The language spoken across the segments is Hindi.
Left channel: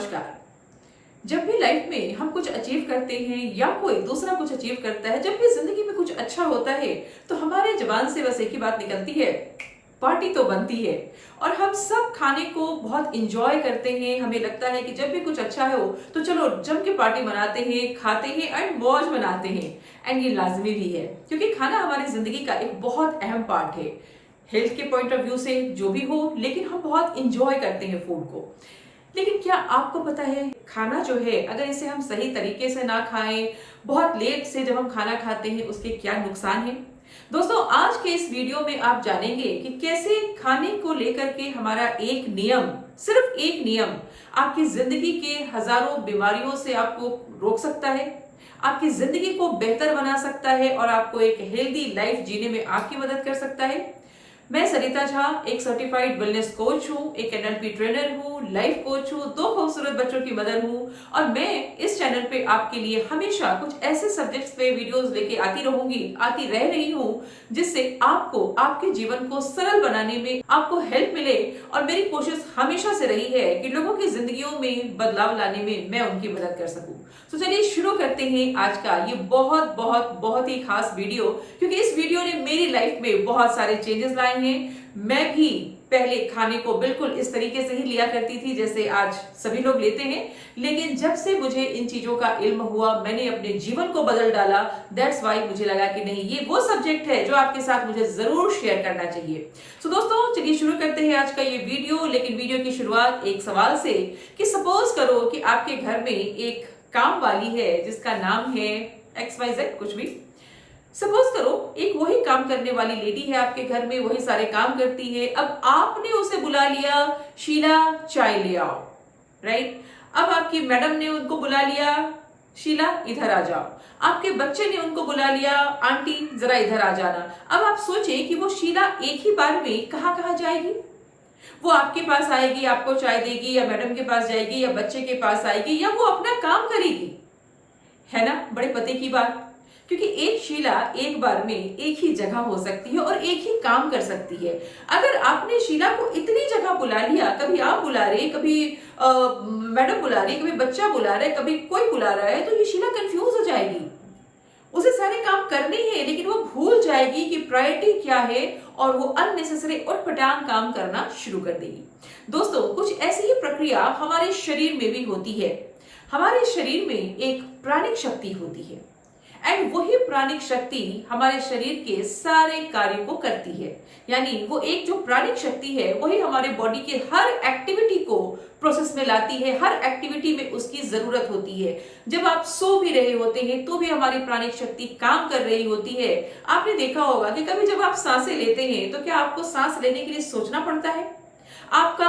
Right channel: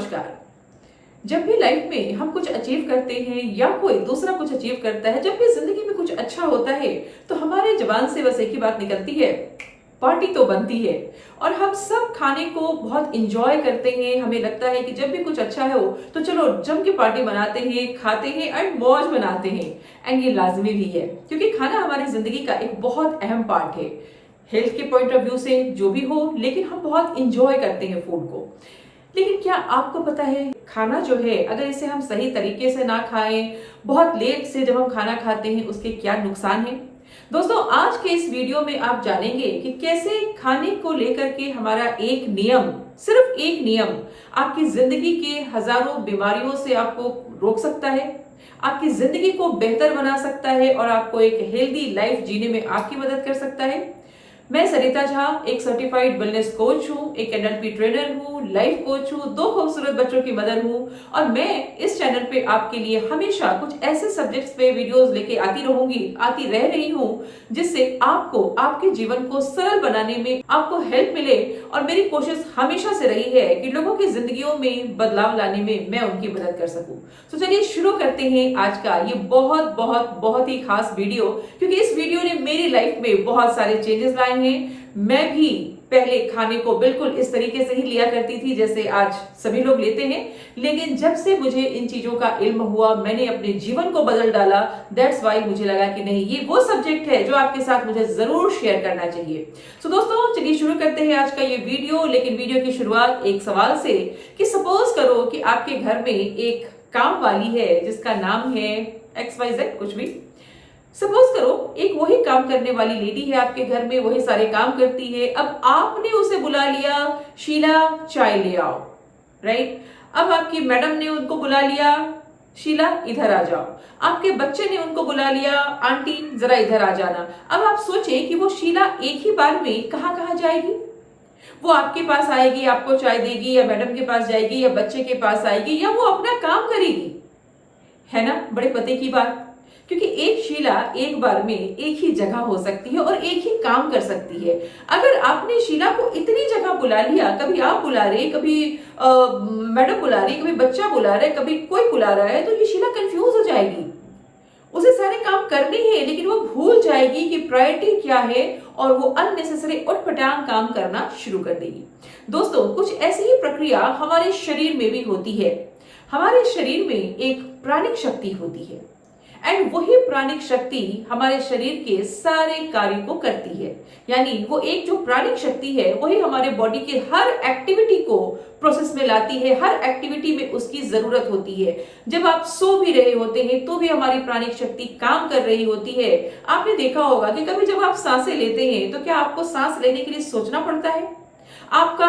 नमस्कार। जब भी लाइफ में हम कुछ अचीव करते हैं या कोई दूसरा कुछ अचीव करता है, जब भी जिंदगी में कुछ अच्छा होता है तो हमारे जुबान से बस एक ही बात निकलती है, पार्टी तो बनती है। और हम सब खाने को बहुत इंजॉय करते हैं। हमें लगता है कि जब भी कुछ अच्छा हो तो चलो जम के पार्टी मनाते हैं, खाते हैं एंड मौज बनाते हैं। एंड ये लाजमी भी है क्योंकि खाना हमारी जिंदगी का एक बहुत अहम पार्ट है। हेल्थ के पॉइंट ऑफ व्यू से जो भी हो, लेकिन हम बहुत इंजॉय करते हैं फूड को। लेकिन क्या आपको पता है, खाना जो है अगर इसे हम सही तरीके से ना खाएं, बहुत लेट से जब हम खाना खाते हैं उसके क्या नुकसान है। दोस्तों, आज के इस वीडियो में आप जानेंगे कि कैसे खाने को लेकर के हमारा एक नियम, सिर्फ एक नियम आपकी जिंदगी के हजारों बीमारियों से आपको रोक सकता है, आपकी जिंदगी को बेहतर बना सकता है और आपको एक हेल्दी लाइफ जीने में आपकी मदद कर सकता है। मैं सरिता झा एक सर्टिफाइड वेलनेस कोच हूँ, एक एनएलपी ट्रेनर हूँ, लाइफ कोच हूँ, 2 खूबसूरत बच्चों की मदर हूँ और मैं इस चैनल पे आपके लिए हमेशा कुछ ऐसे सब्जेक्ट्स पे वीडियोस लेके आती रह रही हूँ जिससे आपको आपके जीवन को सरल बनाने में आपको हेल्प मिले। और मेरी कोशिश हमेशा से रही है कि लोगों की जिंदगियों में बदलाव लाने में मैं उनकी मदद कर सकूं। तो चलिए शुरू करते हैं आज का ये बहुत बहुत बहुत ही खास वीडियो, क्योंकि इस वीडियो ने मेरी लाइफ में बहुत सारे चेंजेस लाए हैं। मैं भी पहले खाने को बिल्कुल इस तरीके से ही लिया करती थी जैसे आज सभी लोग लेते हैं, लेकिन जब से मुझे इन चीजों का इल्म हुआ मैंने अपने जीवन को बदल डाला। दैट्स वाई मुझे लगा कि नहीं, ये वो सब्जेक्ट है जो आपके साथ मुझे जरूर शेयर करना चाहिए। तो दोस्तों चलिए शुरू करते हैं आज का ये वीडियो। लेकिन वीडियो की शुरुआत एक सवाल से कि सपोज करो कि आपके घर में एक काम वाली है जिसका नाम है XYZ, कुछ भी। सपोज करो एक वही काम करने वाली लेडी है आपके घर में, वही सारे काम करती है। अब आपने उसे बुला लिया, शीला चाय ले आओ, राइट। अब आपकी मैडम ने उनको बुला लिया, शीला इधर आ जाओ। आपके बच्चे ने उनको बुला लिया, आंटी जरा इधर आ जाना। अब आप सोचें कि वो शीला एक ही बार में कहाँ कहाँ जाएगी। वो आपके पास आएगी, आपको चाय देगी, या मैडम के पास जाएगी, या बच्चे के पास आएगी, या वो अपना काम करेगी, है ना। बड़े पते की बात, क्योंकि एक शीला एक बार में एक ही जगह हो सकती है और एक ही काम कर सकती है। अगर आपने शीला को इतनी जगह बुला लिया, कभी आप बुला रहे, कभी मैडम बुला रही, कभी बच्चा बुला रहा है, कभी कोई बुला रहा है, तो ये शीला कंफ्यूज हो जाएगी। उसे सारे काम करने हैं लेकिन वो भूल जाएगी कि प्रायोरिटी क्या है और वो अननेसेसरी उटपटांग काम करना शुरू कर देगी। दोस्तों, कुछ ऐसी ही प्रक्रिया हमारे शरीर में भी होती है। हमारे शरीर में एक प्राणिक शक्ति होती है एंड वही प्राणिक शक्ति हमारे शरीर के सारे कार्य को करती है। यानी वो एक जो प्राणिक शक्ति है वही हमारे बॉडी के हर एक्टिविटी को प्रोसेस में लाती है, हर एक्टिविटी में उसकी जरूरत होती है। जब आप सो भी रहे होते हैं तो भी हमारी प्राणिक शक्ति काम कर रही होती है। आपने देखा होगा कि कभी जब आप सांसें लेते हैं तो क्या आपको सांस लेने के लिए सोचना पड़ता है? आपका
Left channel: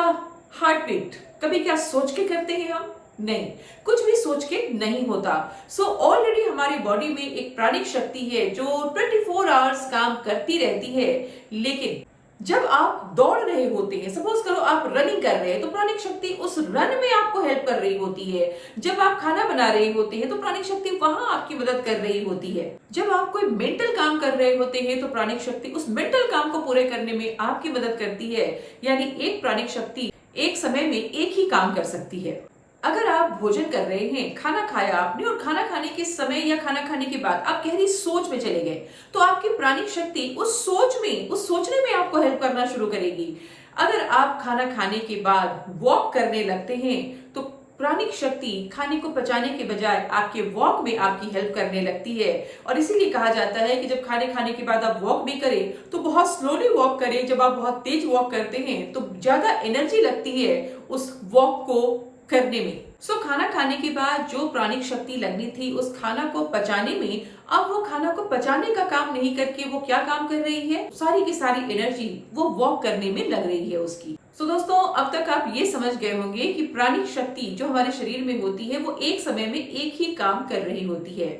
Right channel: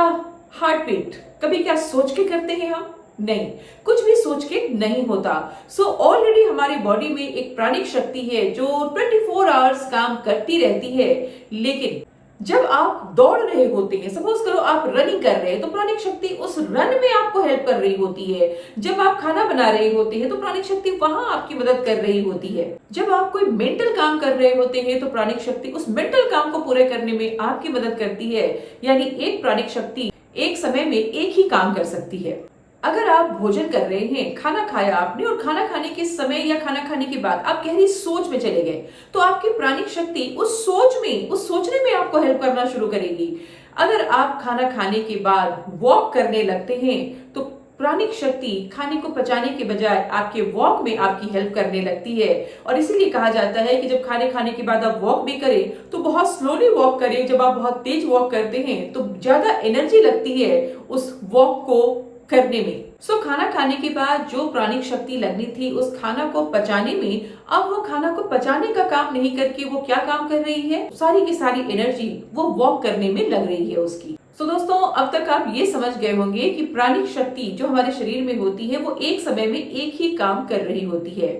हार्ट बीट कभी क्या सोच के करते हैं हम? नहीं, कुछ भी सोच के नहीं होता। सो ऑलरेडी हमारी बॉडी में एक प्राणिक शक्ति है जो 24 आवर्स काम करती रहती है। लेकिन जब आप दौड़ रहे होते हैं, सपोज करो आप रनिंग कर रहे हैं, तो प्राणिक शक्ति उस रन में आपको हेल्प कर रही होती है। जब आप खाना बना रहे होते हैं तो प्राणिक शक्ति वहां आपकी मदद कर रही होती है। जब आप कोई मेंटल काम कर रहे होते हैं तो प्राणिक शक्ति उस मेंटल काम को पूरे करने में आपकी मदद करती है। यानी एक प्राणिक शक्ति एक समय में एक ही काम कर सकती है। अगर आप भोजन कर रहे हैं, खाना खाया आपने और खाना खाने के समय या खाना खाने के बाद आप गहरी सोच में चले गए, तो आपकी प्राणिक शक्ति उस सोचने में आपको हेल्प करना शुरू करेगी। अगर आप खाना खाने के बाद वॉक करने लगते हैं तो प्राणिक शक्ति खाने को पचाने के बजाय आपके वॉक में आपकी हेल्प करने लगती है। और इसीलिए कहा जाता है कि जब खाने के बाद आप वॉक भी करें तो बहुत स्लोली वॉक करें। जब आप बहुत तेज वॉक करते हैं तो ज्यादा एनर्जी लगती है उस वॉक को करने में। सो खाना खाने के बाद जो प्राणिक शक्ति लगनी थी उस खाना को पचाने में, अब वो खाना को पचाने का काम नहीं करके वो क्या काम कर रही है, सारी की सारी एनर्जी वो वॉक करने में लग रही है उसकी। तो दोस्तों, अब तक आप ये समझ गए होंगे कि प्राणिक शक्ति जो हमारे शरीर में होती है वो एक समय में एक ही काम कर रही होती है।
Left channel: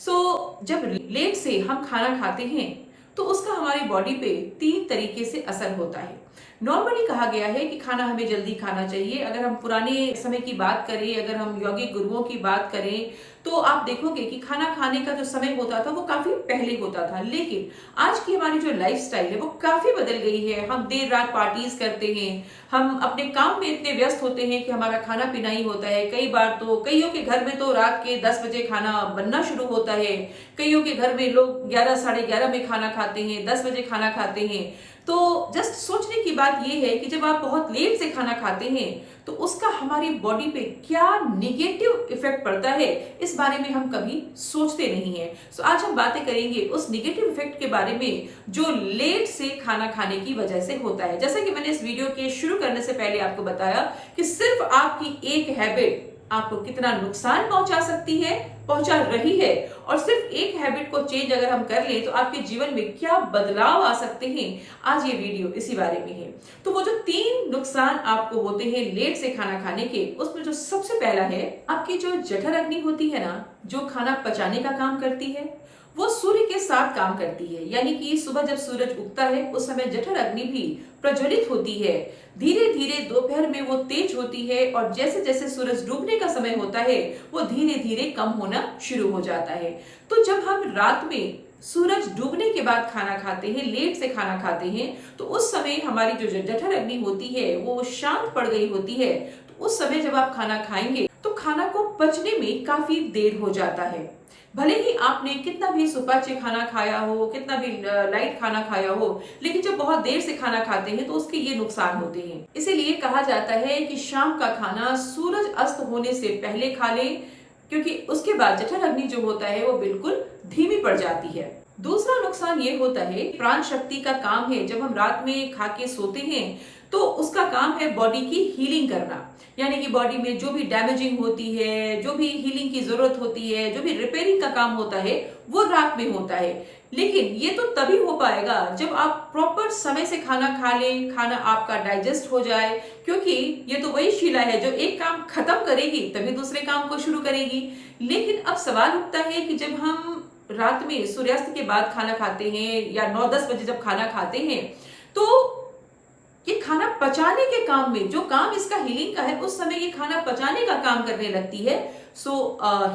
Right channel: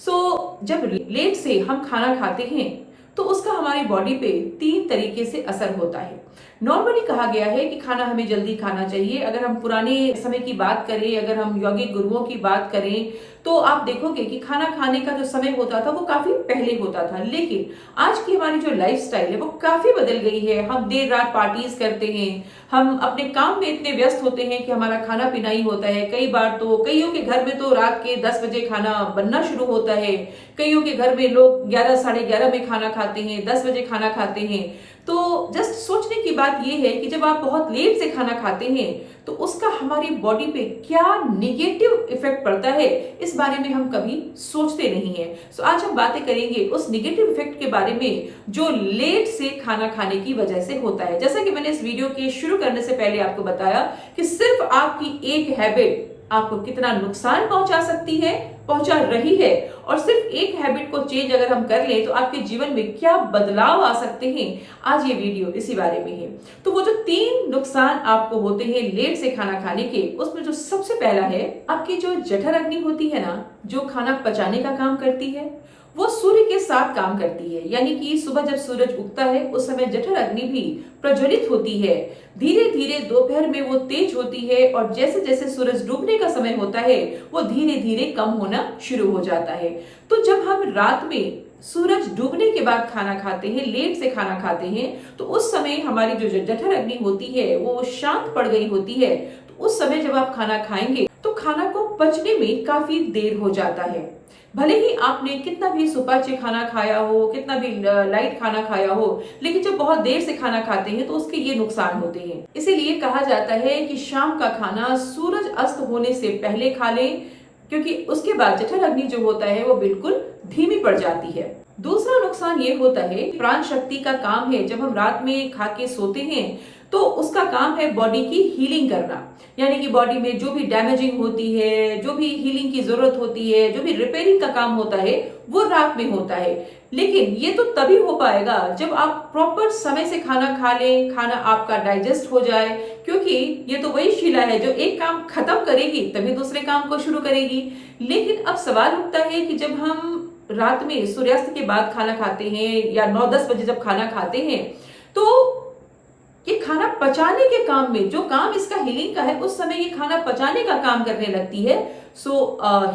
सो जब लेट से हम खाना खाते हैं तो उसका हमारी बॉडी पे 3 तरीके से असर होता है। नॉर्मली कहा गया है कि खाना हमें जल्दी खाना चाहिए। अगर हम पुराने समय की बात करें, अगर हम यौगिक गुरुओं की बात करें, तो आप देखोगे कि खाना खाने का जो समय होता था वो काफी पहले होता था। लेकिन आज की हमारी जो लाइफस्टाइल है वो काफी बदल गई है। हम देर रात पार्टीज करते हैं, हम अपने काम में इतने व्यस्त होते हैं कि हमारा खाना पीना ही होता है। कई बार तो कईयों के घर में तो रात के 10 बजे खाना बनना शुरू होता है। कईयों के घर में लोग 11 साढ़े 11 में खाना खाते हैं, 10 बजे खाना खाते हैं। तो जस्ट सोचने की बात यह है कि जब आप बहुत लेट से खाना खाते हैं तो उसका हमारी बॉडी पे क्या निगेटिव इफेक्ट पड़ता है, इस बारे में हम कभी सोचते नहीं है। सो आज हम बातें करेंगे उस निगेटिव इफेक्ट के बारे में जो लेट से खाना खाने की वजह से होता है। जैसा कि मैंने इस वीडियो के शुरू करने से पहले आपको बताया कि सिर्फ आपकी एक हैबिट आपको कितना नुकसान पहुंचा सकती है, पहुंचा रही है, और सिर्फ एक हैबिट को चेंज अगर हम कर लें तो आपके जीवन में क्या बदलाव आ सकते हैं, आज ये वीडियो इसी बारे में है। तो वो जो 3 नुकसान आपको होते हैं लेट से खाना खाने के, उसमें जो सबसे पहला है, आपकी जो जठर अग्नि होती है ना, जो खाना पचाने का काम करती है, वो सूर्य के साथ काम करती है। यानी कि सुबह जब सूरज उगता है उस समय जठर अग्नि भी प्रज्वलित होती है। धीरे धीरे दोपहर में वो तेज होती है और जैसे जैसे सूरज डूबने का समय होता है वो धीरे धीरे कम होना शुरू हो जाता है। तो जब हम रात में सूरज डूबने के बाद खाना खाते हैं, लेट से खाना खाते हैं, तो उस समय हमारी जो जठर अग्नि होती है वो शांत पड़ गई होती है। तो उस समय जब आप खाना खाएंगे तो खाना को पचने में काफी देर हो जाता है। भले ही आपने कितना भी सुपाच्य खाना खाया हो, कितना भी लाइट खाना खाया हो, लेकिन जब बहुत देर से खाना खाते हैं तो उसके ये नुकसान होते हैं। इसीलिए कहा जाता है कि शाम का खाना सूरज अस्त होने से पहले खा लें, क्योंकि उसके बाद जठर अग्नि जो होता है वो बिल्कुल धीमी पड़ जाती है। दूसरा नुकसान ये होता है, प्राण शक्ति का काम है, जब हम रात में खा के सोते हैं तो उसका काम है बॉडी की हीलिंग करना। यानी कि बॉडी में जो भी डैमेजिंग होती है, जो भी हीलिंग की जरूरत होती है, जो भी रिपेयरिंग का काम होता है, वो रात में होता है। लेकिन ये तो तभी हो पाएगा जब आप प्रॉपर समय से खाना खा लें, खाना आपका डाइजेस्ट हो जाए, क्योंकि ये तो वही शिला है जो एक काम खत्म करेगी तभी दूसरे काम को शुरू करेगी। लेकिन अब सवाल उठता है कि जब हम रात में सूर्यास्त के बाद खाना खाते हैं या 9-10 बजे जब खाना खाते हैं, तो ये खाना पचाने के काम में, जो काम इसका हीलिंग का है, उस समय ये खाना पचाने का काम करने लगती है। सो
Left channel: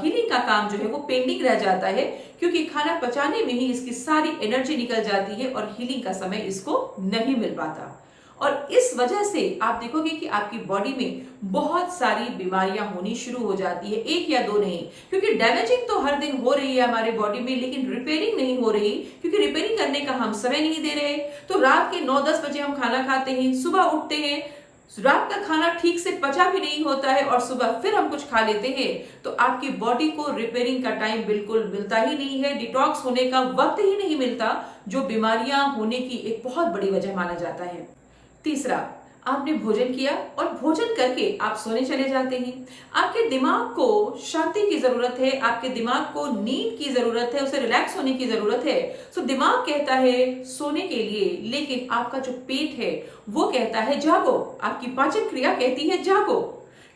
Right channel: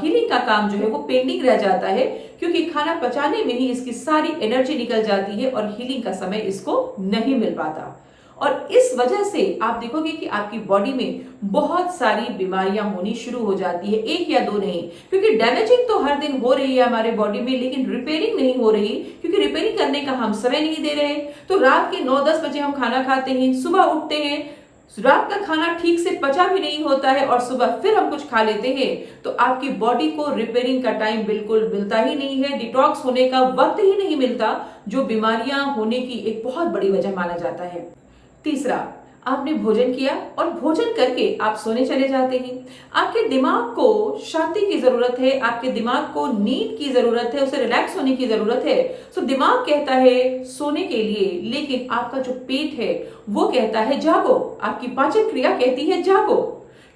हीलिंग का काम जो है वो पेंडिंग रह जाता है, क्योंकि खाना पचाने में ही इसकी सारी एनर्जी निकल जाती है और हीलिंग का समय इसको नहीं मिल पाता। और इस वजह से आप देखोगे कि आपकी बॉडी में बहुत सारी बीमारियां होनी शुरू हो जाती है, एक या दो नहीं, क्योंकि डैमेजिंग तो हर दिन हो रही है हमारे बॉडी में, लेकिन रिपेयरिंग नहीं हो रही, क्योंकि रिपेयरिंग करने का हम समय नहीं दे रहे। तो रात के 9-10 बजे हम खाना खाते हैं, सुबह उठते हैं, रात का खाना ठीक से पचा भी नहीं होता है और सुबह फिर हम कुछ खा लेते हैं, तो आपकी बॉडी को रिपेयरिंग का टाइम बिल्कुल मिलता ही नहीं है, डिटॉक्स होने का वक्त ही नहीं मिलता, जो बीमारियां होने की एक बहुत बड़ी वजह माना जाता है। तीसरा, आपने भोजन किया और भोजन करके आप सोने चले जाते हैं। आपके दिमाग को शांति की जरूरत है, आपके दिमाग को नींद की जरूरत है, उसे रिलैक्स होने की जरूरत है। तो दिमाग कहता है सोने के लिए, लेकिन आपका जो पेट है वो कहता है जागो, आपकी पाचन क्रिया कहती है जागो,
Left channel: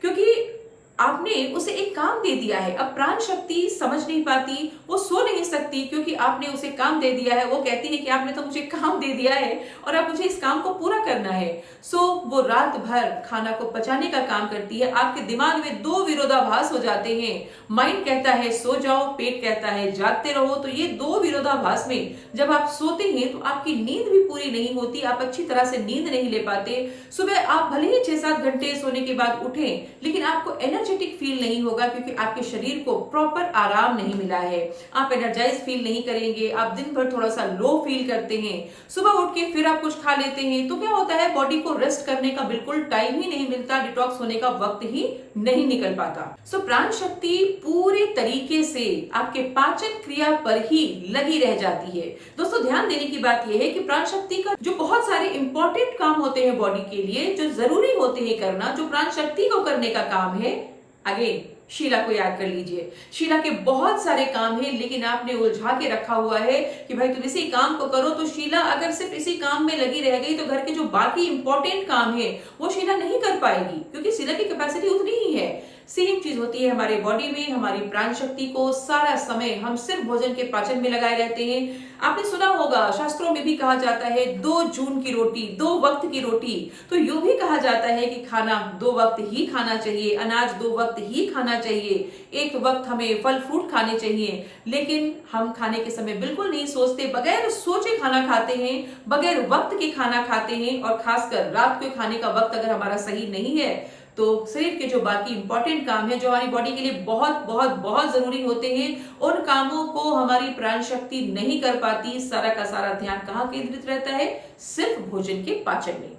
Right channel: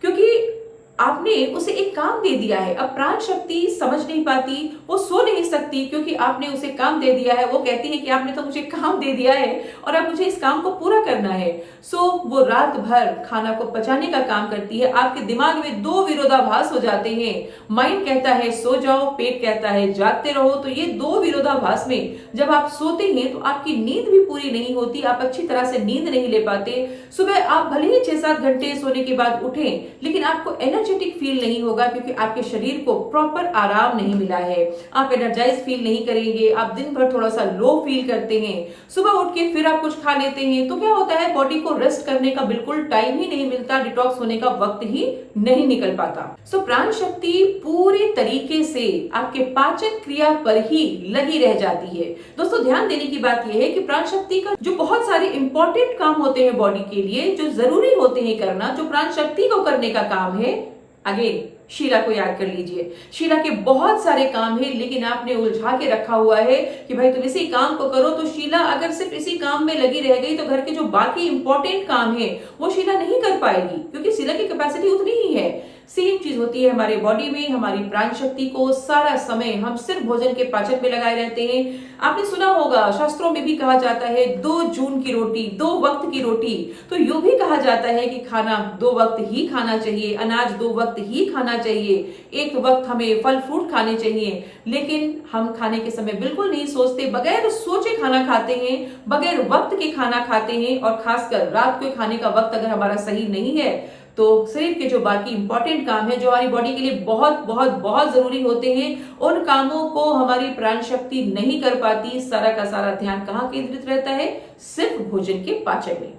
क्योंकि आपने उसे एक काम दे दिया है। अब प्राण शक्ति समझ नहीं पाती, वो सो नहीं सकती, क्योंकि आपने उसे काम दे दिया है। वो कहती है कि आपने तो मुझे काम दे दिया है और अब मुझे इस काम को पूरा करना है। सो वो रात भर खाना को पचाने का काम करती है। आपके दिमाग में 2 विरोधाभास हो जाते हैं, माइंड कहता है सो जाओ, पेट कहता है जागते रहो। तो ये 2 विरोधाभास में जब आप सोते हैं तो आपकी नींद भी पूरी नहीं होती, आप अच्छी तरह से नींद नहीं ले पाते। सुबह आप भले ही 6-7 घंटे सोने के बाद उठें, लेकिन आपको एनर्जेटिक फील नहीं होगा, क्योंकि आपके शरीर को प्रॉपर आराम नहीं मिला है। आप एनर्जाइज फील नहीं करेंगे, आप दिन भर थोड़ा सा लो फील करते हैं। सुबह उठ के फिर आप कुछ खा लेते हैं, तो क्या होता है, बॉडी को रेस्ट करने का बिल्कुल टाइम ही नहीं मिलता, डिटॉक्स होने का वक्त ही नहीं निकल पाता। सो प्राण शक्ति पूरे तरीके से आपके पाचन क्रिया पर ही लगी रह जाती है। दोस्तों, ध्यान देने की बात यह है कि प्राण शक्ति का जो बहुत सारे इंपॉर्टेंट काम होते हैं बॉडी के लिए, जो जरूरी होते हैं करना, जो प्राण शक्ति को करने का काम है, अगेन शीला को याद कर लीजिए। शीला के बहुत सारे काम हैं, लेकिन आपने उलझा के रखा हुआ है कि भाई तुम इसी काम को करो। तो शीला अगर सिर्फ इसी काम में लगी रह गई तो घर के जो बाकी इंपॉर्टेंट काम है वो शीला नहीं कर पाएगी, क्योंकि शीला की कैपेसिटी उतनी ही है। सेम चीज होती है हमारे बॉडी में, हमारी प्राण शक्ति को सारा समय हम सिर्फ भोजन के पाचन में लगाए रहते हैं। आपने सुना होगा, शास्त्रों में भी कहा जाता है 2 जून की रोटी, 2 वक्त की रोटी। तो यूं भी कहा जाता है कि खाना 2 वक्त ही खाना चाहिए, अनाज 2 वक्त ही खाना चाहिए, एक वक्त हमें फल फ्रूट खाने चाहिए। लेकिन हम खाने के समय बिल्कुल नहीं सोचते, बगैर सोचे खाना खाते हैं, बगैर वक्त के खाना खाते हैं। और खासकर रात को खाने का वक्त अगर हमारा सही नहीं है तो शरीर के जो बाकी इंपॉर्टेंट काम है, जो हमारी बॉडी के लिए बहुत बहुत बहुत जरूरी होते हैं, उन कामों को हमारी प्राण शक्ति नहीं कर पाती। सारा का सारा ध्यान कहाँ केंद्रित रहता है? सिर्फ भोजन के पाचन में।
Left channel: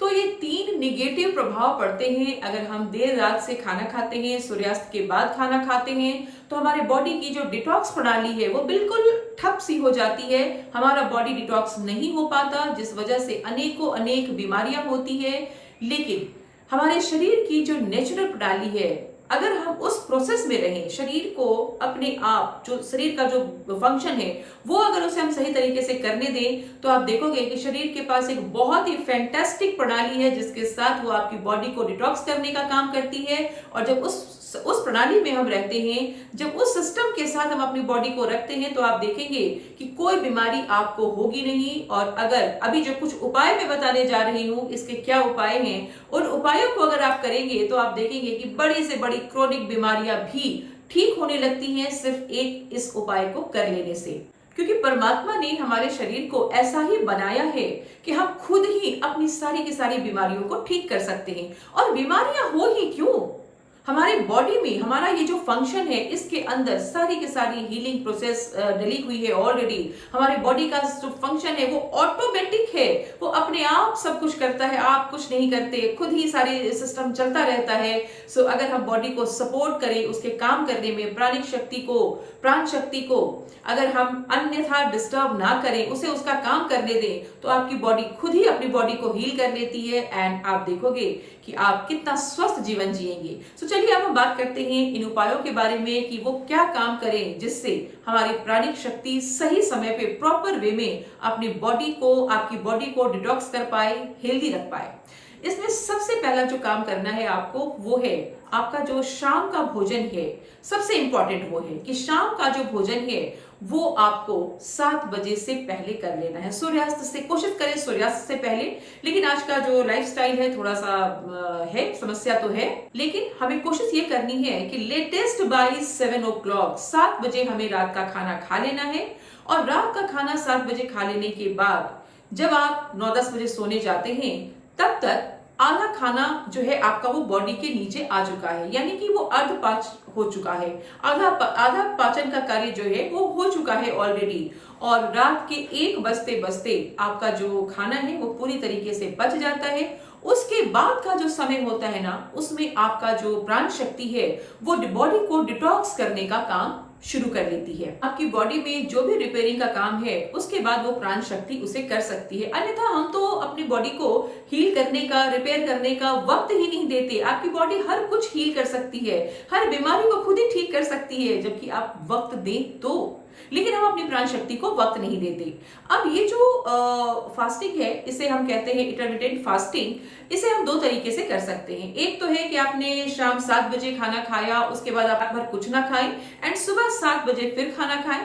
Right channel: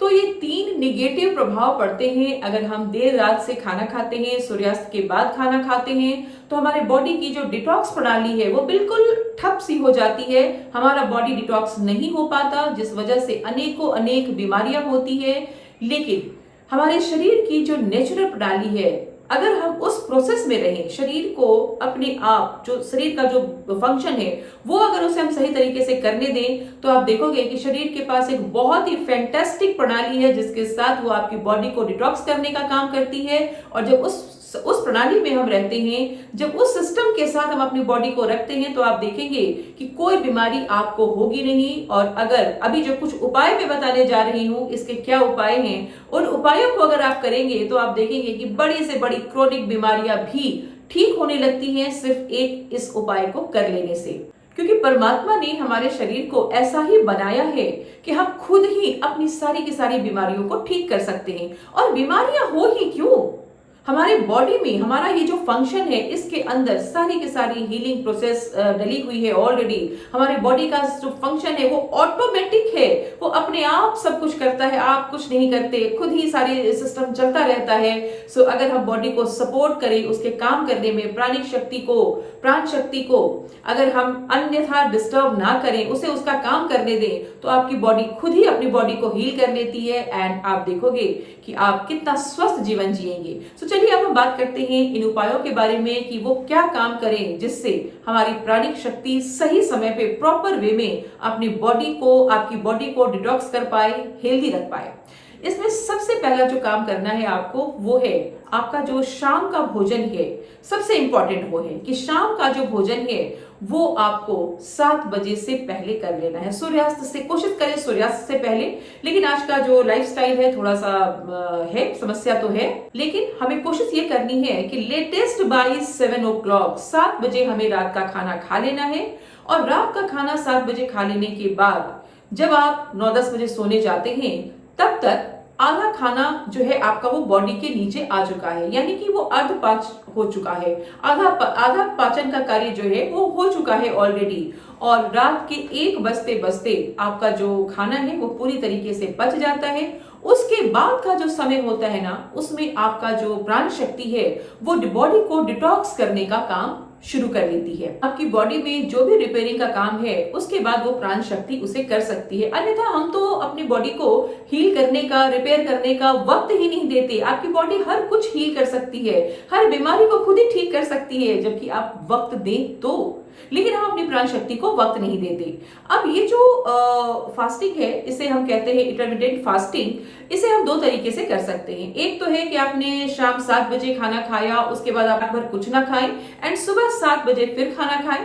तो ये 3 निगेटिव प्रभाव पड़ते हैं अगर हम देर रात से खाना खाते हैं, सूर्यास्त के बाद खाना खाते हैं। तो हमारे बॉडी की जो डिटॉक्स प्रणाली है वो बिल्कुल ठप सी हो जाती है, हमारा बॉडी डिटॉक्स नहीं हो पाता, जिस वजह से अनेकों अनेक बीमारियां होती है। लेकिन हमारे शरीर की जो नेचुरल प्रणाली है, अगर हम उस प्रोसेस में रहें, शरीर को अपने आप, जो शरीर का जो फंक्शन है वो अगर उसे हम सही तरीके से करने दें, तो आप देखोगे कि शरीर के पास एक बहुत ही फैंटास्टिक प्रणाली है जिसके साथ वो आपकी बॉडी को डिटॉक्स करने का काम करती है। और जब उस प्रणाली में हम रहते हैं, जब उस सिस्टम के साथ हम अपनी बॉडी को रखते हैं, तो आप देखेंगे कि कोई बीमारी आपको होगी नहीं। और अगर अभी जो कुछ उपाय मैं बताने जा रही हूं, इसके क्या उपाय हैं, उन उपायों को अगर आप करेंगे तो आप देखेंगे कि बड़ी से बड़ी क्रोनिक बीमारियां भी ठीक होने लगती हैं सिर्फ एक इस उपाय को कर लेने से। क्योंकि परमात्मा ने हमारे शरीर को ऐसा ही बनाया है कि हम खुद ही अपनी सारी की सारी बीमारियों को ठीक कर सकते हैं। और बीमारियां हो ही क्यों, हमारी बॉडी में हमारा ये जो फंक्शन है, इसके अंदर सारी की सारी हीलिंग प्रोसेस डली हुई है ऑलरेडी। हमारे बॉडी का जो फंक्शन है वो ऑटोमेटिक है, वो अपने आप सब कुछ करता है, आप कुछ नहीं करते, खुद ही सारी सिस्टम चलता रहता है। सो अगर हम बॉडी को सपोर्ट करें उसके काम करने में, प्राणिक शक्ति को, प्राण शक्ति को अगर हम अन्यथा डिस्टर्ब ना करें, उसे उसका काम करने दें, तो आपकी बॉडी खुद ही अपनी बॉडी को हील कर लेती है। एंड आप देखोगे कि आप कितना स्वस्थ जीवन जिएंगे। तो चलिए अब हम बात करते हैं इन उपायों के बारे में कि वो क्या काम करें जिससे हमारी प्राणिक शक्ति सही समय पे प्रॉपर वे में अपनी बॉडी को, आपकी बॉडी को डिटॉक्स कर पाए, हेल्दी रख पाए। इसमें सबसे पहला जो काम करना है आपको, वो है आपका जो शाम का भोजन है। सबसे इंपॉर्टेंट वो है कि शाम का जो भोजन है वो आपको 7 बजे से पहले कर लेना है। सूर्यास्त से कोशिश करें, सूर्यास्त से पहले। लेकिन आज का जो लाइफस्टाइल है थोड़ा सा है, समस्या तो है, लेकिन हमें कोशिश ये करनी है कि लेटेस्ट बाय 7 o'clock 7 बजे हमें रात का खाना खा लेना है। और रात का खाना 7 बजे खा लेने के बाद जब आप 9-10 बजे सोने जाते हैं, तब तक आधा खाना जो है आपका वो बॉडी के नीचे आ चुका है, यानी कि वो अर्ध पाच हो चुका है, आधा पाचन का कार्य जो है वो हो चुका है ऑलरेडी। और रात के 1 बजते बजते आपका जो खाना है वो पूरी तरीके से पच जाता है। उसके बाद का जो समय होता है ना, उसमें आपका जो प्राण शक्ति है वो बॉडी को डिटॉक्स करने का काम शुरू कर लेती है। आपकी बॉडी में जो भी रिपेयरिंग का काम है उसके बाद वो प्राण शक्ति उसे कर सकती है। अन्यथा हम तो अपनी बॉडी को हील करने का, रिपेयर करने का वक्त ही नहीं देते। आपकी बॉडी हर कुछ हील कर सकती है, हर बीमारी को खुद ही ठीक कर सकती है, जबकि आप वक्त दें तो। लेकिन हम अपनी प्राण शक्ति को वक्त नहीं देते। अब ये जो फास्टिंग है, इसे हम कहते हैं इंटरमिटेंट फास्टिंग। इसे हम 2 तरीके से कर सकते हैं। एक तो है कि आपने शाम 7 बजे खाना खाया, उसके बाद आप रात भर कुछ ना खाएं एंड सुबह 7 बजे फिर खाना खाएं।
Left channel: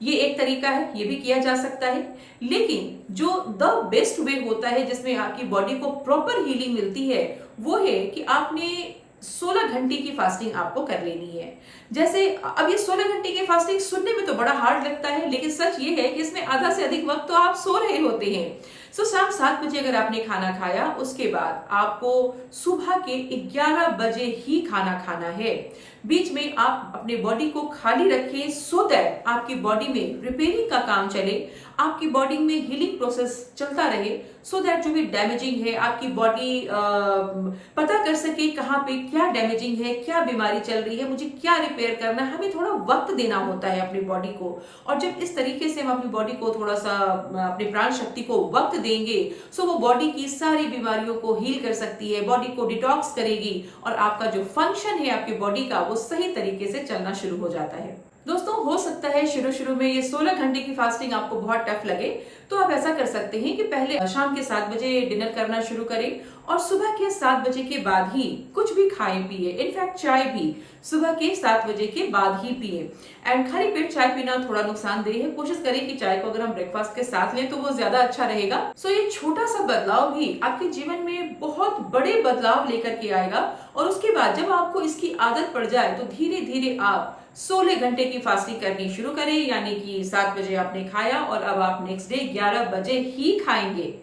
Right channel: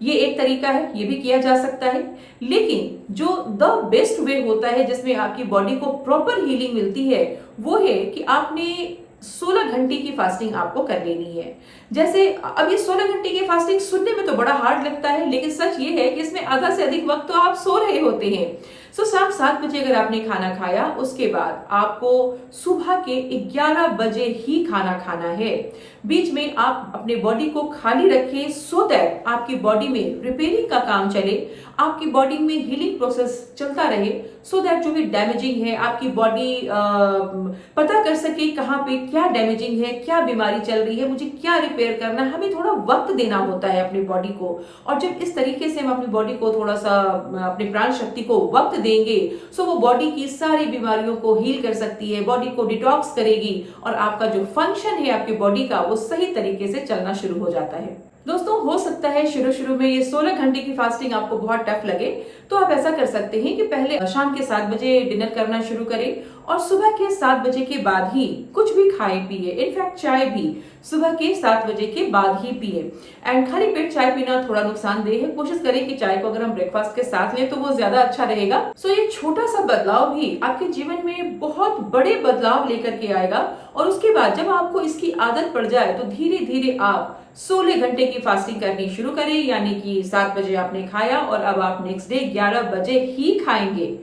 ये एक तरीका है, ये भी किया जा सकता है। लेकिन जो द बेस्ट वे होता है जिसमें आपकी बॉडी को प्रॉपर हीलिंग मिलती है, वो है कि आपने 16 घंटे की फास्टिंग आपको कर लेनी है। जैसे अब ये 16 घंटे की फास्टिंग सुनने में तो बड़ा हार्ड लगता है, लेकिन सच ये है कि इसमें आधा से अधिक वक्त तो आप सो रहे होते हैं। शाम 7 बजे अगर आपने खाना खाया, उसके बाद आपको सुबह के 11 बजे ही खाना खाना है। बीच में आप अपने बॉडी को खाली रखें सो दैट आपकी बॉडी में रिपेयरिंग का काम चले, आपकी बॉडी में हीलिंग प्रोसेस चलता रहे, सो दैट जो भी डैमेजिंग है आपकी बॉडी पता कर सके कहाँ पे क्या डैमेजिंग है, क्या बीमारी चल रही है, मुझे क्या रिपेयर करना है। हमें थोड़ा वक्त देना होता है अपनी बॉडी को। और जब इस तरीके से हम अपनी बॉडी को थोड़ा सा, अपनी प्राण शक्ति को वक्त देंगे, सो वो बॉडी की सारी बीमारियों को हील कर सकती है, बॉडी को डिटॉक्स करेगी और आपका जो फंक्शन है आपकी बॉडी का वो सही तरीके से चलना शुरू हो जाता है। दोस्तों, हो सकता है शुरू शुरू में ये 16 घंटे की फास्टिंग आपको बहुत टफ लगे, तो आप ऐसा कर सकते हैं कि पहले शाम के 7 बजे डिनर करना शुरू करें और सुबह के 7 बजे के बाद ही कुछ भी खाए पिए, इनफैक्ट चाय भी सुबह के 7 बजे के बाद ही पिए। एंड खाली पेट चाय पीना थोड़ा नुकसानदेह है, कोशिश करें कि चाय को अगर हम ब्रेकफास्ट के साथ लें तो वो ज्यादा अच्छा रहेगा। सो ये छोटा सा बदलाव भी आपके जीवन में बहुत बड़े बदलाव लेकर के आएगा और उसके बाद जब आपको इसकी आदत पड़ जाए तो धीरे धीरे आप 16 घंटे की फास्टिंग करनी शुरू करें, यानी कि 7 बजे आपने खाया और अब आप नेक्स्ट डे 11 बजे ही खाएंगे।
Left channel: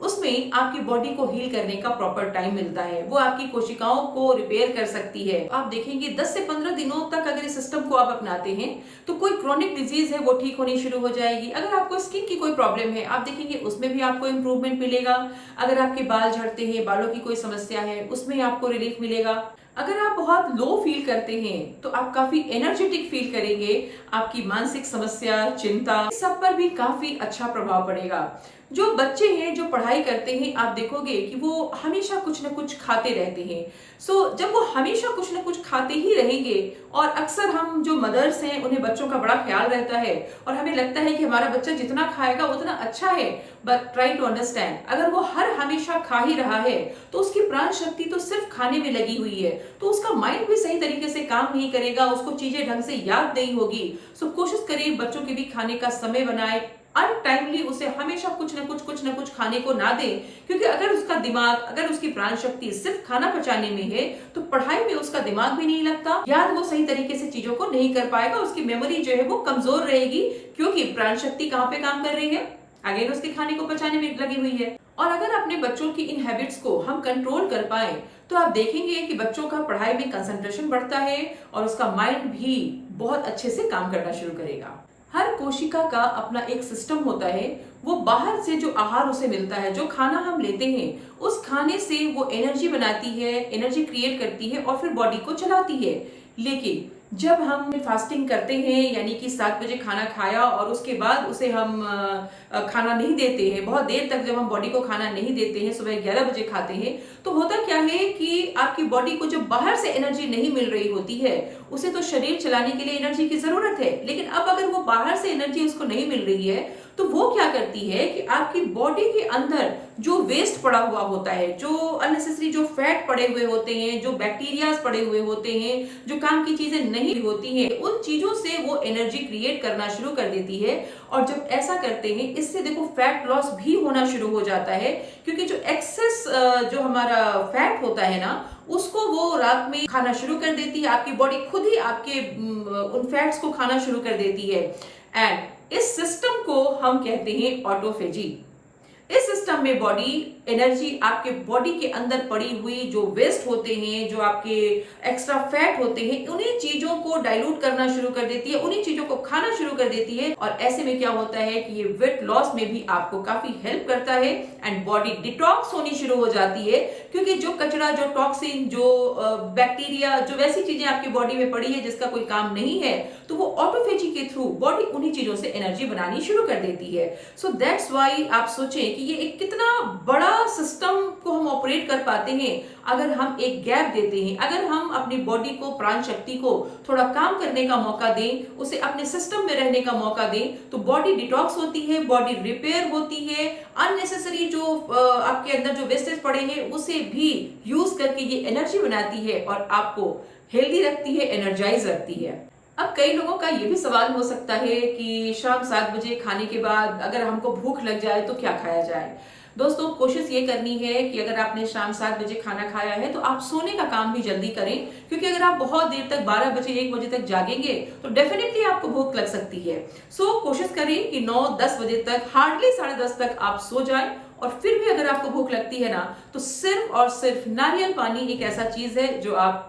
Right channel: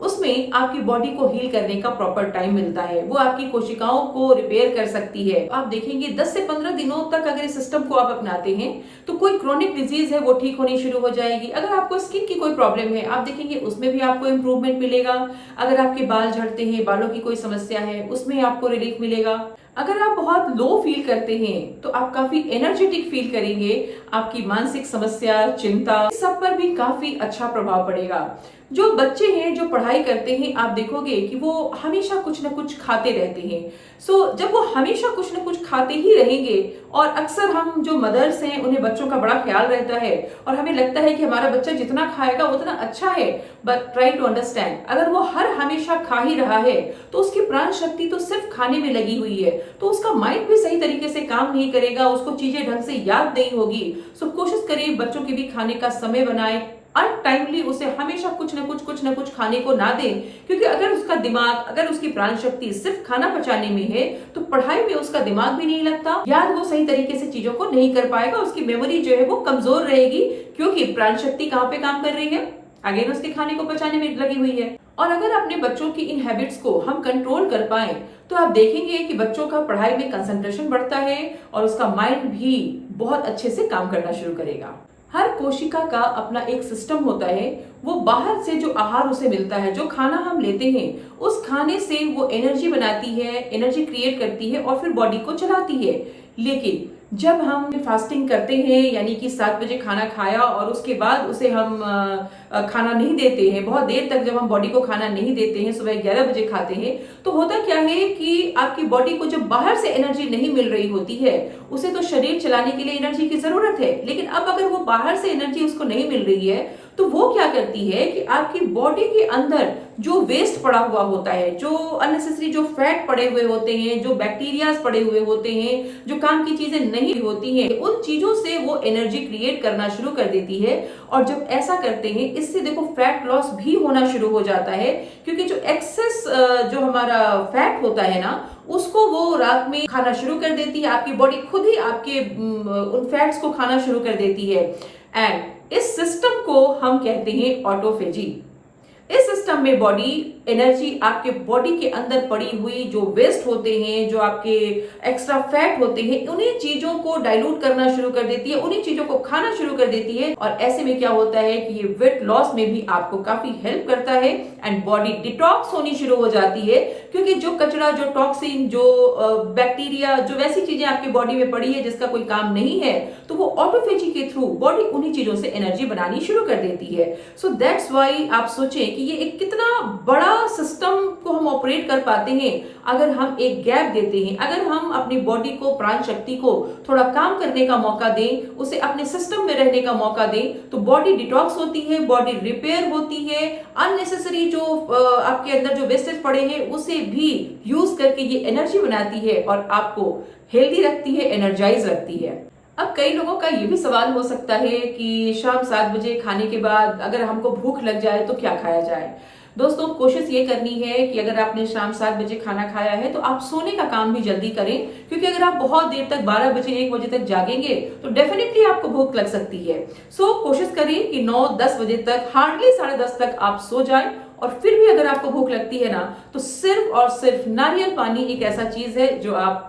उसमें आपकी बॉडी को हील करने का प्रॉपर टाइम मिलता है, वो आपकी कोशिकाओं को रिपेयर कर सकती है। आप देखेंगे 10 से 15 दिनों तक अगर इस सिस्टम को आप अपनाते हैं तो कोई क्रोनिक डिजीज है वो ठीक होनी शुरू हो जाएगी। अगर आपको स्किन की कोई प्रॉब्लम है आप देखेंगे उसमें भी आपको इम्प्रूवमेंट मिलेगा। अगर आपके बाल झड़ते हैं, बालों की कोई समस्या है, उसमें आपको रिलीफ मिलेगा। अगर आप बहुत लो फील करते हैं तो आप काफी एनर्जेटिक फील करेंगे। आपकी मानसिक समस्या, चिंता, सब पर भी काफी अच्छा प्रभाव पड़ेगा। जो बच्चे हैं जो पढ़ाई करते हैं आप देखोगे कि वो हमेशा कुछ ना कुछ खाते रहते हैं। जब वो हमेशा कुछ ना कुछ खाते ही रहेंगे और अक्सर हम जो मदर्स हैं उन्हें बच्चों का बड़ा ख्याल रहता है और हमें लगता है कि हमारा बच्चा जितना खाएगा उतना अच्छा है, बट ट्राई टू अंडरस्टैंड, अगर वो हर हमेशा खा ही रहा है तो उसकी प्राण शक्ति तो सिर्फ खाने में लगी हुई है, तो उसका माइंड भी सही तरीके से काम नहीं करेगा, उसको चीजें ढंग से याद नहीं होगी। कोशिश करिए बच्चों के भी खाने का समय बनाए, अनटाइमली उसे हमेशा कुछ न कुछ खाने को ना दें, क्योंकि अगर उसका दिमाग, अगर उसकी प्राण शक्ति सिर्फ खाना पचाने में है तो पढ़ाई में उसका दिमाग भी नहीं लगता, याद वो सही तरीके से चीजों को नहीं कर पाएगा, उसकी मेमोरी जो है वो कमजोर रहेगी, क्योंकि प्राण शक्ति कहाँ पे काम कर रही है, अगेन उसके खाने को पचाने में लगी हुई है। और अगर अपने बच्चों की इन हैबिट्स को हम कंट्रोल कर पाए तो आप देखेंगे कि बच्चों का पढ़ाई में कंसंट्रेशन बढ़ता है और उसका माइंड भी बहुत अच्छे से काम करना शुरू करेगा। हर कोशिका का अपना एक सिस्टम होता है, वो बाहर से जो आहार उसे मिलता है, जो खाना हम लेते हैं उस खाने से वो एनर्जी बनाती है, एनर्जी क्रिएट करती है और फिर बॉडी को चलाती है। लेकिन जब हम फास्टिंग करते हैं, यानी कि 7 बजे खाना खाया और उसके बाद उसे हम खाना नहीं देते हैं, बहुत देर तक जब हम बॉडी को खाना नहीं देते हैं, सुबह 11 बजे खाते हैं, तो होता क्या है कि आपकी बॉडी को जब बाहर से एनर्जी नहीं मिल रही होती है, उसे तो शरीर चलाने के लिए एनर्जी की जरूरत है, लेकिन अब अगर वो बाहर से एनर्जी उसको नहीं मिल रही है तो वो क्या करती है कि आपकी बॉडी के अंदर जो वेस्ट पड़ा हुआ होता है, जो अननेसेसरी जो फैट पड़े हुए होते हैं, जो बैक्टीरियाज पड़े हुए होते हैं, जो काम की चीजें नहीं होती हैं, उन चीजों से वो एनर्जी क्रिएट करना शुरू कर देती है। और जब ऐसा करते हैं इससे देखो फैट लॉस भी होना शुरू हो जाता है, क्योंकि जो एक्सेस जो हमारा फैट होता है ना, उसको वो रात में खाना शुरू कर देती है, आपकी बॉडी खुद ही आपके उन फैट्स को खाना शुरू कर देती है। एंड इस सिस्टम को हम कहते हैं ऑटोफेजी। इस सिस्टम में बॉडी एनर्जी आपके बॉडी के अंदर पड़ी हुई जो वेस्ट होते हैं, जो आपके एक्स्ट्रा फैट होते हैं, उन्हीं चीजों को डाइल्यूट करना शुरू कर देती है, उन्हीं चीजों को खाना शुरू कर देती है। और ऐसे में क्या होता है कि ये वेट लॉस में भी आपको काफी हेल्प करता है एंड बॉडी डिटॉक्स होनी शुरू हो जाती है, क्योंकि जो कचरा, जो टॉक्सिन, जो बैक्टीरिया, जो वैसी चीजें आपकी बॉडी में पड़ी है जिसका कोई काम नहीं है, तो वो ऑटोफेजी के थ्रू बॉडी उन्हीं चीजों से एनर्जी बनानी शुरू कर देती है। सो दैट्स व्हाई आप सोचें कि ये एक कितना बड़ा सिस्टम को हम ऑपरेट कर पाते हैं अगर हम एक गैप देते हैं, अगर हम अपनी बॉडी को, प्राण शक्ति को थोड़ा काम करने का मौका दें, उसे अपने सिस्टम में रहने का मौका दें, तो बॉडी डिटॉक्स होती है, बॉडी रिपेयर होती है, अननेसेसरी जो आपके अंदर जो वेस्टेज पड़े हैं उसे भी यूज करके ये एनर्जी बनाती है और आपको हेल्दी रखती है, एनर्जाइज रखती है। अब कई लोगों का ये भी सवाल हो सकता है कि शाम 7 बजे खाने के बाद अगर हमको भूख लग जाए तो क्या खाया जाए। दोस्तों, कोशिश ये करनी है कि अगर आपने शाम 7 बजे खाना खाया है तो आप सोने का काम भी जल्दी करें, क्योंकि अगर आप बहुत देर तक 12 बजे 1 बजे तक जागेंगे तो डेफिनेटली आपको भूख लग सकती है। कोशिश करिए कि 9-10 बजे तक, हार्डली 10:30 तक आप सो जाएं। और फिर भी अगर आपको भूख लगती है ना, तो सिर्फ और सिर्फ नारियल पानी एक ऐसा चीज है जो आप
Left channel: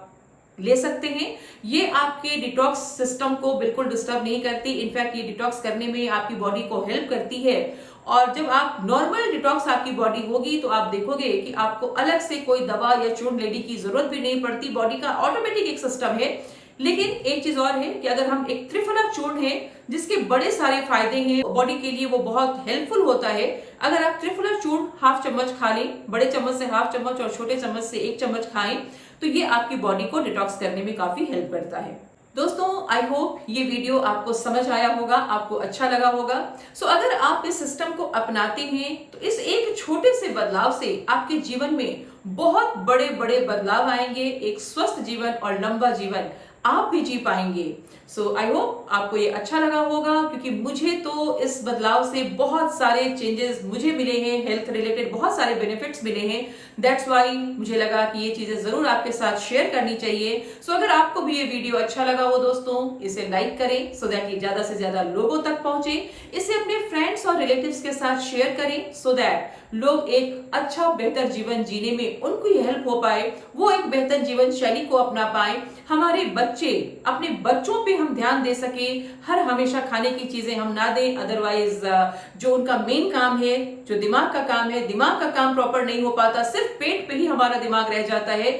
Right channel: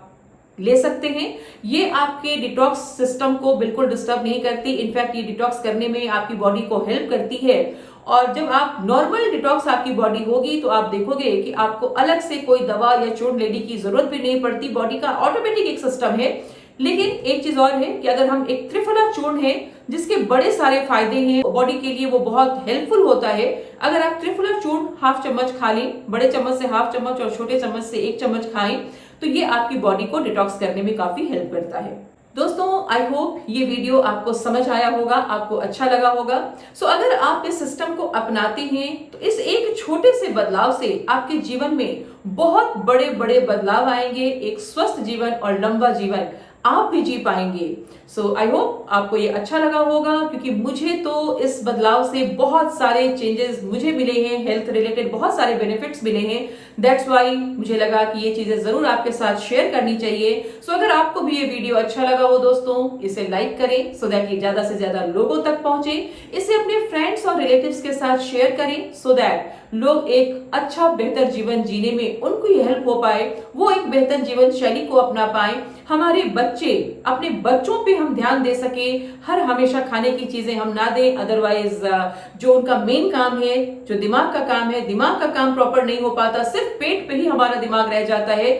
ले सकते हैं। ये आपके डिटॉक्स सिस्टम को बिल्कुल डिस्टर्ब नहीं करती, इनफैक्ट ये डिटॉक्स करने में आपकी बॉडी को हेल्प करती है। और जब आप नॉर्मल डिटॉक्स आपकी बॉडी होगी तो आप देखोगे कि आपको अलग से कोई दवा या चूर्ण लेने की जरूरत भी नहीं पड़ती, बॉडी का ऑटोमेटिक एक सिस्टम है। लेकिन एक चीज और है कि अगर हम एक त्रिफला चूर्ण है जिसके बड़े सारे फायदे हैं, बॉडी के लिए वो बहुत हेल्पफुल होता है, अगर आप त्रिफला चूर्ण ½ चम्मच खा लें, बड़े चम्मच से ½ चम्मच और छोटे चम्मच से 1 चम्मच खाएं, तो ये आपकी बॉडी को डिटॉक्स करने में काफी हेल्प करता है। दोस्तों आई होप ये वीडियो आपको समझ आया होगा, आपको अच्छा लगा होगा। अगर आप इस सिस्टम को अपनाते हैं तो इस एक छोटे से बदलाव से आपके जीवन में बहुत बड़े बड़े बदलाव आएंगे। एक स्वस्थ जीवन और लंबा जीवन आप भी जी पाएंगे। आई होप आपको ये अच्छा लगा होगा, क्योंकि मुझे तो इस बदलाव से बहुत सारे चेंजेस मुझे मिले हैं, हेल्थ रिलेटेड बहुत सारे बेनिफिट्स मिले हैं। दैट्स वाई मुझे लगा कि ये चीजें जरूर आपके साथ शेयर करनी चाहिए। अगर आपको भी ये वीडियो अच्छा लगा हो दोस्तों, इसे लाइक करें सो दैट कि ज्यादा से ज्यादा लोगों तक पहुंचे। इसे अपने फ्रेंड्स और रिलेटिव्स के साथ शेयर करें सो दैट लोग एक अच्छा बेहतर जीवन जीने में उनको ये हेल्प हो पाए, वो एक बेहतर जीवन शैली को अपना पाए। हमारे बच्चे, अपने बच्चों पे हम ध्यान दे सके, हर हमेशा खाने की चीजें हम ना दें। अदरवाइज जो उनका मेन काम है, जो दिमाग का काम है, दिमाग का काम प्रॉपर नहीं हो पाता, सिर्फ पेट पे ही हमारा दिमाग रह जाता है।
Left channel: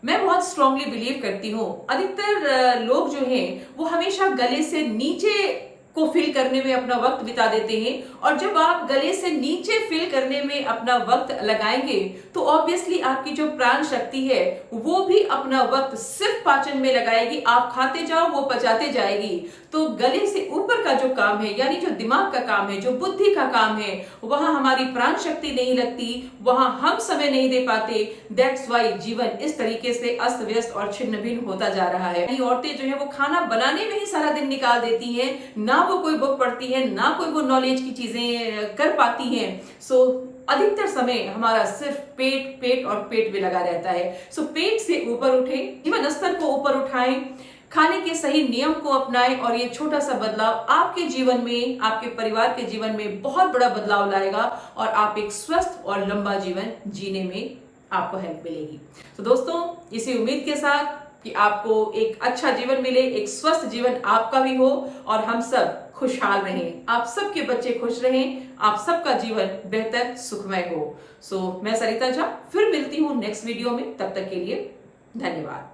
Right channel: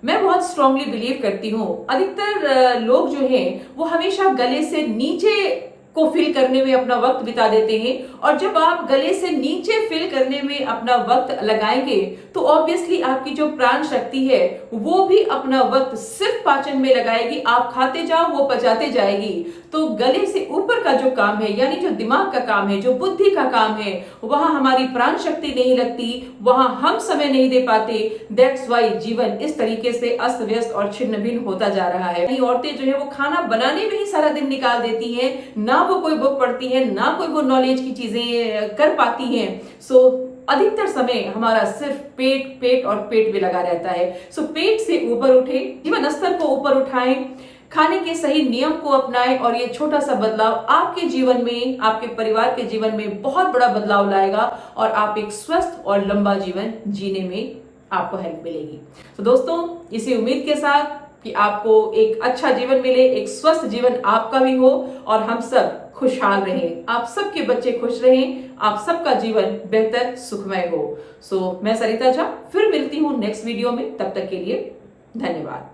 मैं बहुत स्ट्रांगली बिलीव करती हूँ, अधिकतर लोग जो हैं वो हमेशा गले से नीचे को फिल करने में अपना वक्त बिता देते हैं, और जब आप गले से नीचे फिल करने में अपना वक्त लगाएंगे तो ऑब्वियसली आपकी जो प्राण शक्ति है वो भी अपना वक्त सिर्फ पाचन में लगाएगी। आप खाते जाओ, वो पचाते जाएगी। तो गले से ऊपर का जो काम है, यानी जो दिमाग का काम है, जो बुद्धि का काम है, वहां हमारी प्राण शक्ति नहीं लगती, वहां हम समय नहीं दे पाते। दैट्स वाई जीवन इस तरीके से अस्त व्यस्त और छिन्न भिन्न होता जा रहा है। औरतें जो है वो खाना बनाने में ही सारा दिन निकाल देती हैं, ना वो कोई बुक पढ़ती है, ना कोई वो नॉलेज की चीजें कर पाती हैं। अधिकतर समय हमारा सिर्फ पेट और पेट में लगा रहता है। पेट से ऊपर उठे, जीवन स्तर को ऊपर उठाएं, खाने के सही नियम को अपनाएं, और ये छोटा सा बदलाव आपके जीवन में, आपके परिवार के जीवन में बहुत बड़ा बदलाव लाएगा, और आप एक स्वस्थ और लंबा जीवन जीने में आपको हेल्प मिलेगी। दोस्तों, इसी उम्मीद के साथ कि आपको एक अच्छा जीवन मिले, एक स्वस्थ जीवन आपका भी हो, और हम सब खुशहाल रहें, आप सबके बच्चे खुश रहें, आप सबका जीवन बेहतर सुखमय हो। मैं सरिता झा फिर मिलती हूँ नेक्स्ट वीडियो में। तब तक के लिए धन्यवाद।